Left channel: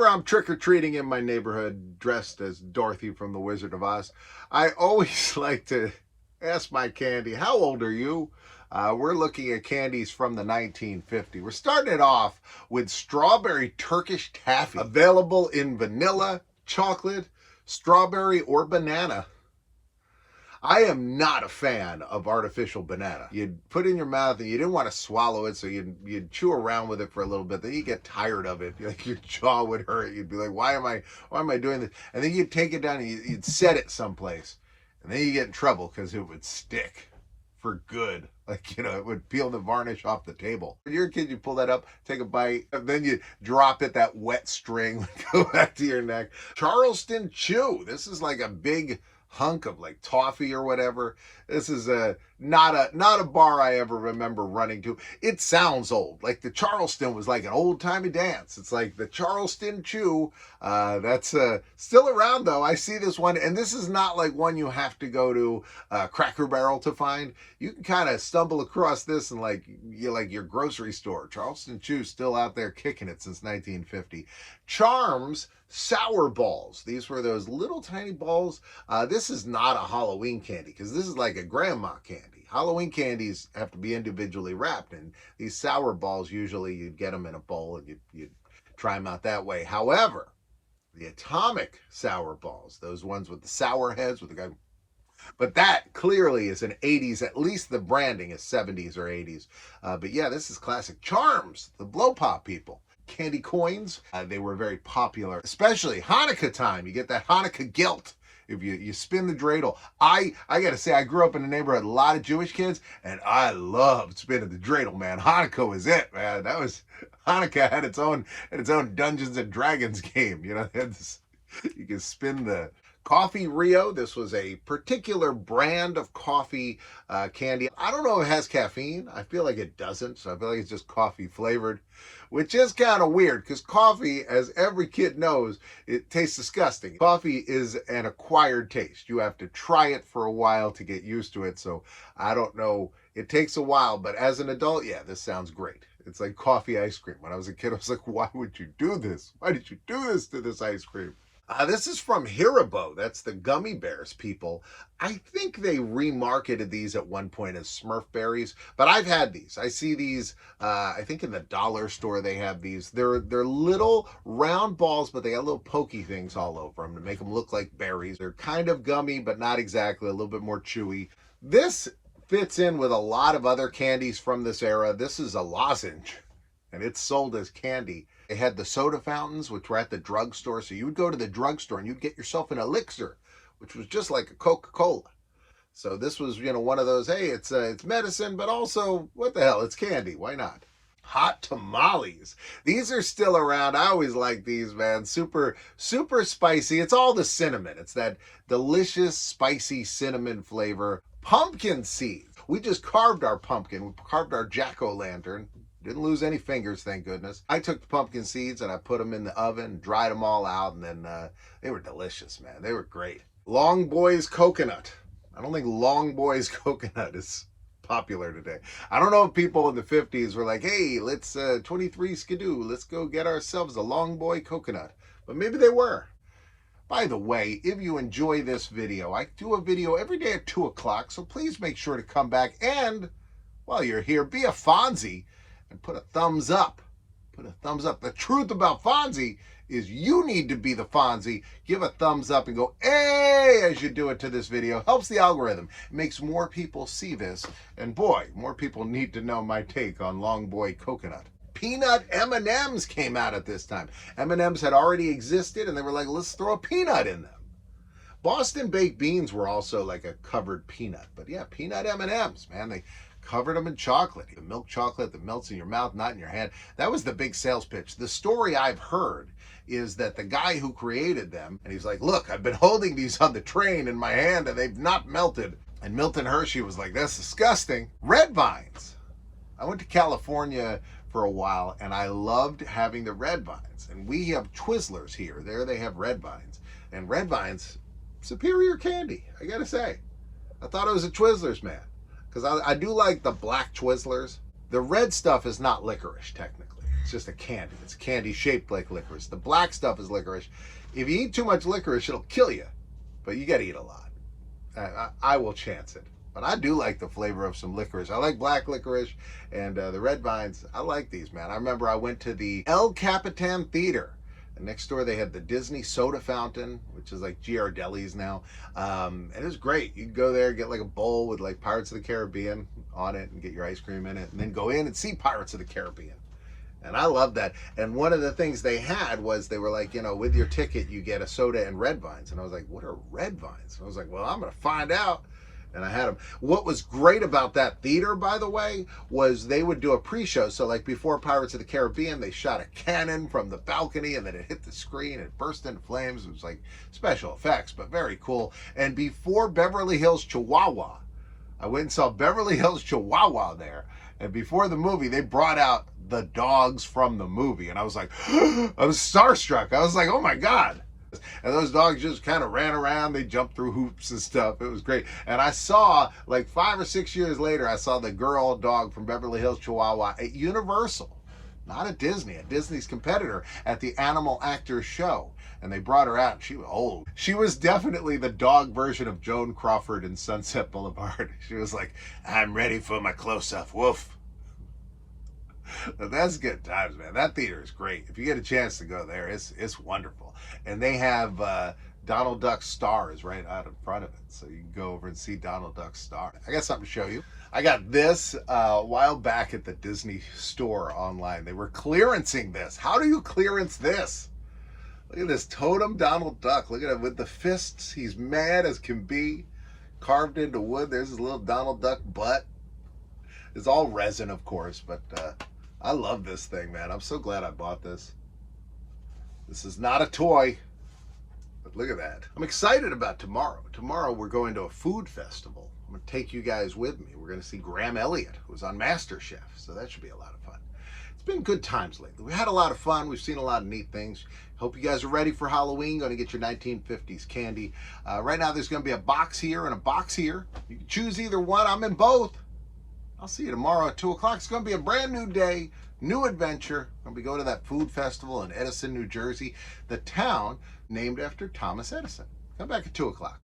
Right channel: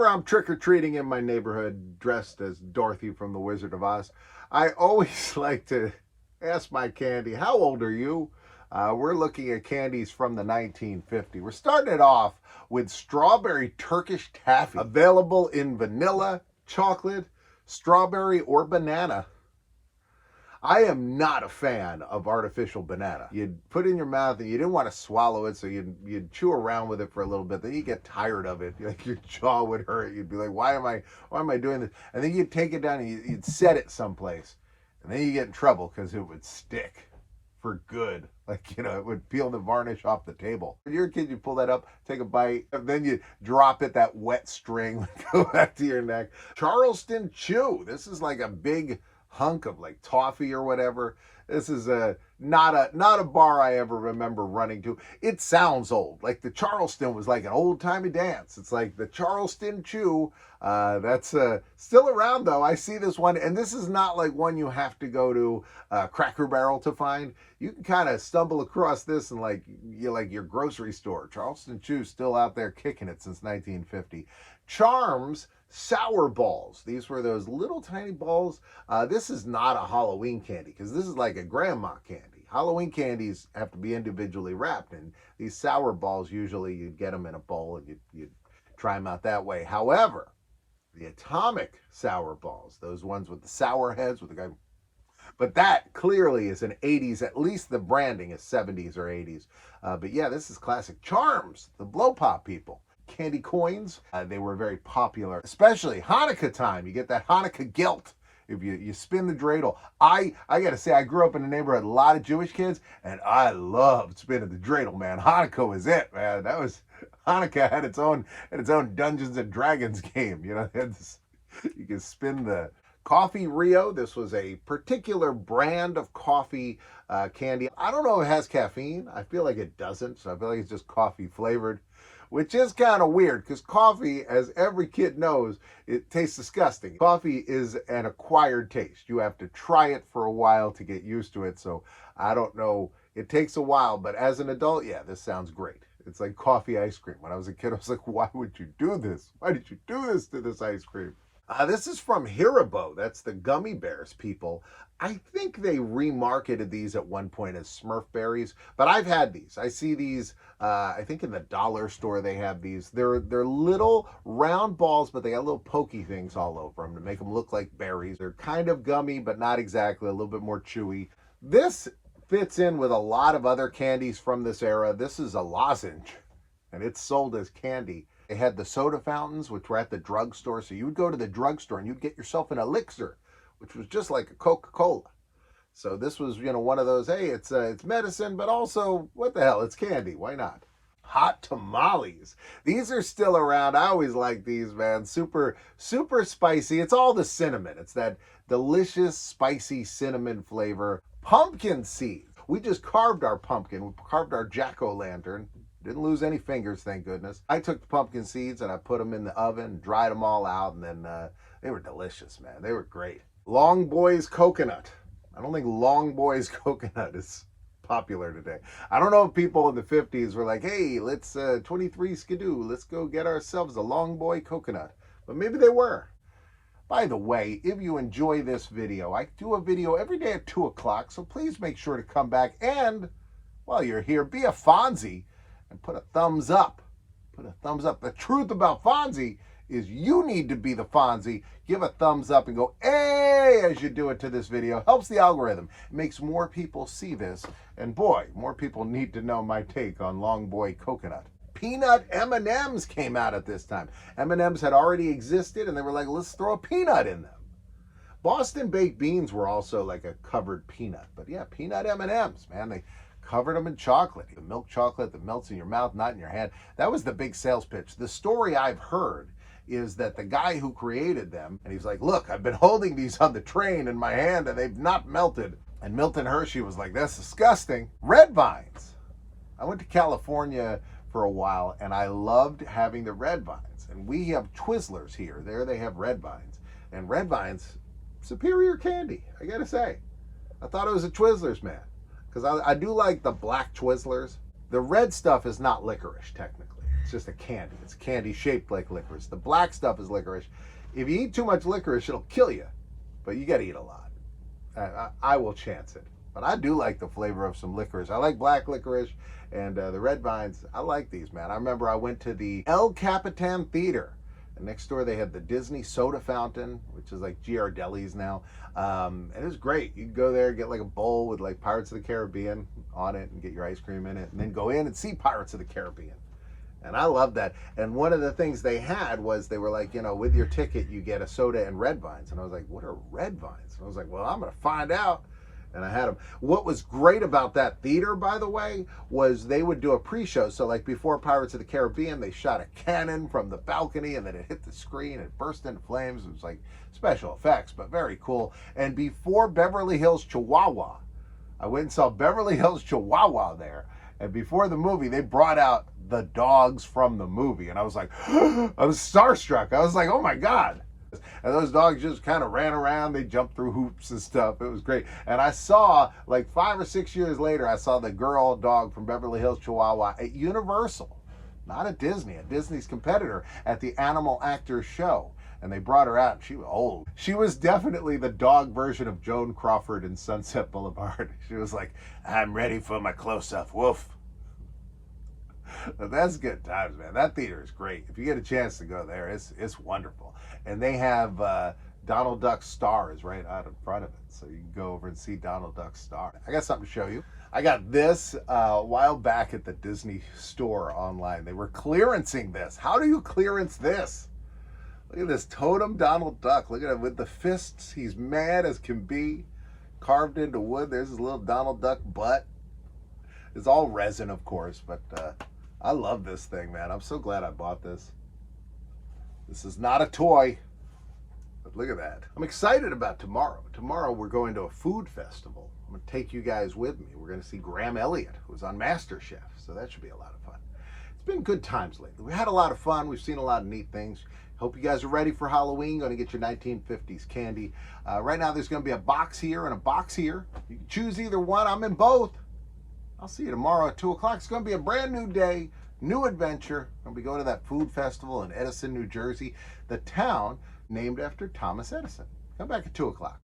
Whenever I'm trick-or-treating in my neighborhood dressed as Dorothy from The Wizard of Oz, I always like to ask my candy, how old are you? We're looking at candies from the 1950s. We're starting it off with strawberry Turkish taffy, available in vanilla, chocolate, strawberry, or banana. I am not a fan of artificial banana. You'd put it in your mouth and you didn't want to swallow it, so you'd chew around with it for a little bit. Then you get tired of it. Like your jaw would hurt. You'd be like, why am I doing this? And then you'd take it down and you'd set it someplace. And then you get in trouble because it would stick for good. Like, it would peel the varnish off the table. When you're a kid, you pull that up, take a bite, and then you drop it, that wet string would go back to your neck. Charleston Chew. This is like a big hunk of like toffee or whatever. This is not a bar I ever remember running to. It sounds old. Like the Charleston was like an old-timey dance. It's like the Charleston Chew. That's still around though. I see this one, and this is not like one you have to go to Cracker Barrel to find. You can kind of stumble across this in like your grocery store. Charleston Chew still out there kicking it since 1950. Charms sour balls. These were those little tiny balls. This is not a Halloween candy because this is like a grandma candy. Halloween candies have to be individually wrapped, and these sour balls, usually you'd get them in a bowl and you'd try them out that way. However, the atomic sour balls, those ones with the sour heads with the guy, but that clearly is an 80s, at least the branding is 70s or 80s. But yeah, this is classic. Charms, the blow pop people. Candy coins, they were very popular, especially Hanukkah time. You get that Hanukkah guilt if you spin the dreidel. I gotta say, I grew up in a neighborhood, a lot of Jewish kids, and I loved spinning the dreidel, man. Hanukkah was it, man. Hanukkah had its own Dungeons and Dragons game. You can spin the Coffee Rio. This was a particular brand of coffee candy. I don't know if it has caffeine. I feel like it doesn't, so I feel like it's just coffee flavored, which is kind of weird because coffee, as every kid knows, it tastes disgusting. Coffee is an acquired taste. You have to try it for a while to get used to it. So I don't know. It takes a while, but as an adult, yeah, this sounds great. It's like coffee ice cream. When I was a kid, I was like, why would you do this? Why did you do this to this ice cream? This is from Haribo. That's the gummy bears people. I think they remarketed these at one point as Smurf berries, but I've had these. I see these, I think in the dollar store they have these. They're little round balls, but they got little pokey things all over them to make them look like berries. They're kind of gummy, but not exactly, a little bit more chewy. This fits in with a lot of other candies from this era. This is a lozenge, and it's sold as candy. They had the soda fountains, which were at the drugstore. So you would go to the drugstore and you'd get yourself an elixir, which was just like a Coca-Cola. So this was, one of those, hey, it's medicine, but also, what the hell, it's candy. Why not? Hot tamales. These are still around. I always like these, man. Super, super spicy. It's all the cinnamon. It's that delicious, spicy cinnamon flavor. Pumpkin seeds. We just carved our pumpkin. We carved our jack-o'-lantern. Didn't lose any fingers, thank goodness. I took the pumpkin seeds and I put them in the oven, dried them all out, and then they were delicious, man. They were great. Long Boy's coconut. I don't think Long Boy's coconut is popular today. I don't know if people in the 50s were like, hey, let's 23 skidoo, let's go get ourselves a Long Boy coconut. But maybe they were. By the way, if you enjoy this video, I do a video every day at 2 o'clock, so please make sure to come back and, while you're here, be a Fonzie and put a thumbs up. Put a thumbs up. The truth about Fonzie is you need to be the Fonzie. Give a thumbs up and go, hey, as you do it to this video. Helps the algorithm. It makes more people see this. And boy, more people need to know my take on Long Boy coconut. Peanut M&Ms came out at this time. M&Ms had already existed, and they were like, let's throw a peanut in them. Boston baked beans were also like a covered peanut. But yeah, peanut M&Ms, man. They covered them in chocolate. The milk chocolate that melts in your mouth, not in your hand. That was the big sales pitch. The story I've heard is that the guy who created them, and he's like, look, I've been holding these on the train in my hand and they've not melted. And Milton Hershey was like, that's disgusting. Red vines. I went to California for a while and I loved having the red vines. And we have Twizzlers here. There they have red vines. And red vines, superior candy, I gotta say. I thought it was a Twizzlers, man. Because I do like the black Twizzlers. The red stuff is not licorice, technically. It's just a candy. It's a candy shaped like licorice. The black stuff is licorice. If you eat too much licorice, it'll kill you. But you got to eat a lot. I will chance it. But I do like the flavor of some licorice. I like black licorice and the red vines. I like these, man. I remember I went to the El Capitan Theater. And next door they had the Disney soda fountain, which is like Ghirardelli's now. And it was great. You could go there, get like a bowl with like Pirates of the Caribbean on it and get your ice cream in it. And then go in and see Pirates of the Caribbean. And I love that. And one of the things they had was they were like, you know, with your ticket, you get a soda and red vines. And I was like, what are red vines? And I was like, well, I'm going to find out. And I had them. What was great about that theater, by the way, was they would do a pre-show. So like before Pirates of the Caribbean, they shot a cannon from the balcony and then it hit the screen. It burst into flames. It was like special effects, but very cool. And before Beverly Hills Chihuahua, I went and saw Beverly Hills Chihuahua there. And before the movie, they brought out the dogs from the movie. And I was like, I was starstruck. I was like, oh my God. And those dogs just kind of ran around. They jumped through hoops and stuff. It was great. And I saw, like 5 or 6 years later, I saw the girl dog from Beverly Hills Chihuahua at Universal. Not at Disney, at Disney's competitor, at the Animal Actors Show. And they brought her out, and she was old. She was definitely the dog version of Joan Crawford in Sunset Boulevard. She was like, I'm ready for my close-up, woof. But that's good times, man. That theater is great. If you get a chance to go there, it's wonderful. And they have Donald Duck's star is right out in front of it. So you can go over and see Donald Duck's star. I got something to show you. I got this a while back at the Disney store online. They were clearancing this. How do you clearance this? Look at this totem Donald Duck. Look at him with the fists. He's mad as can be. Carved into wood. There's his little Donald Duck butt. It's all resin, of course, but I love this thing, man. I'm so glad I bought this. This is not a toy, but look at that. I'm excited about tomorrow. Tomorrow we're going to a food festival. I'm going to take you guys with me. We're going to see Graham Elliott, who's on MasterChef, so that should be a lot of fun. It's been good times lately. We had a lot of fun. We've seen a lot of neat things. Hope you guys are ready for Halloween. Going to get your 1950s candy. Right now there's going to be a box here and a box here. You can choose either one. I'm in both. I'll see you tomorrow at 2 o'clock. It's going to be a brand new day, new adventure. I'm going to be going to that food festival in Edison, New Jersey, the town named after Thomas Edison. Come back at 2 o'clock.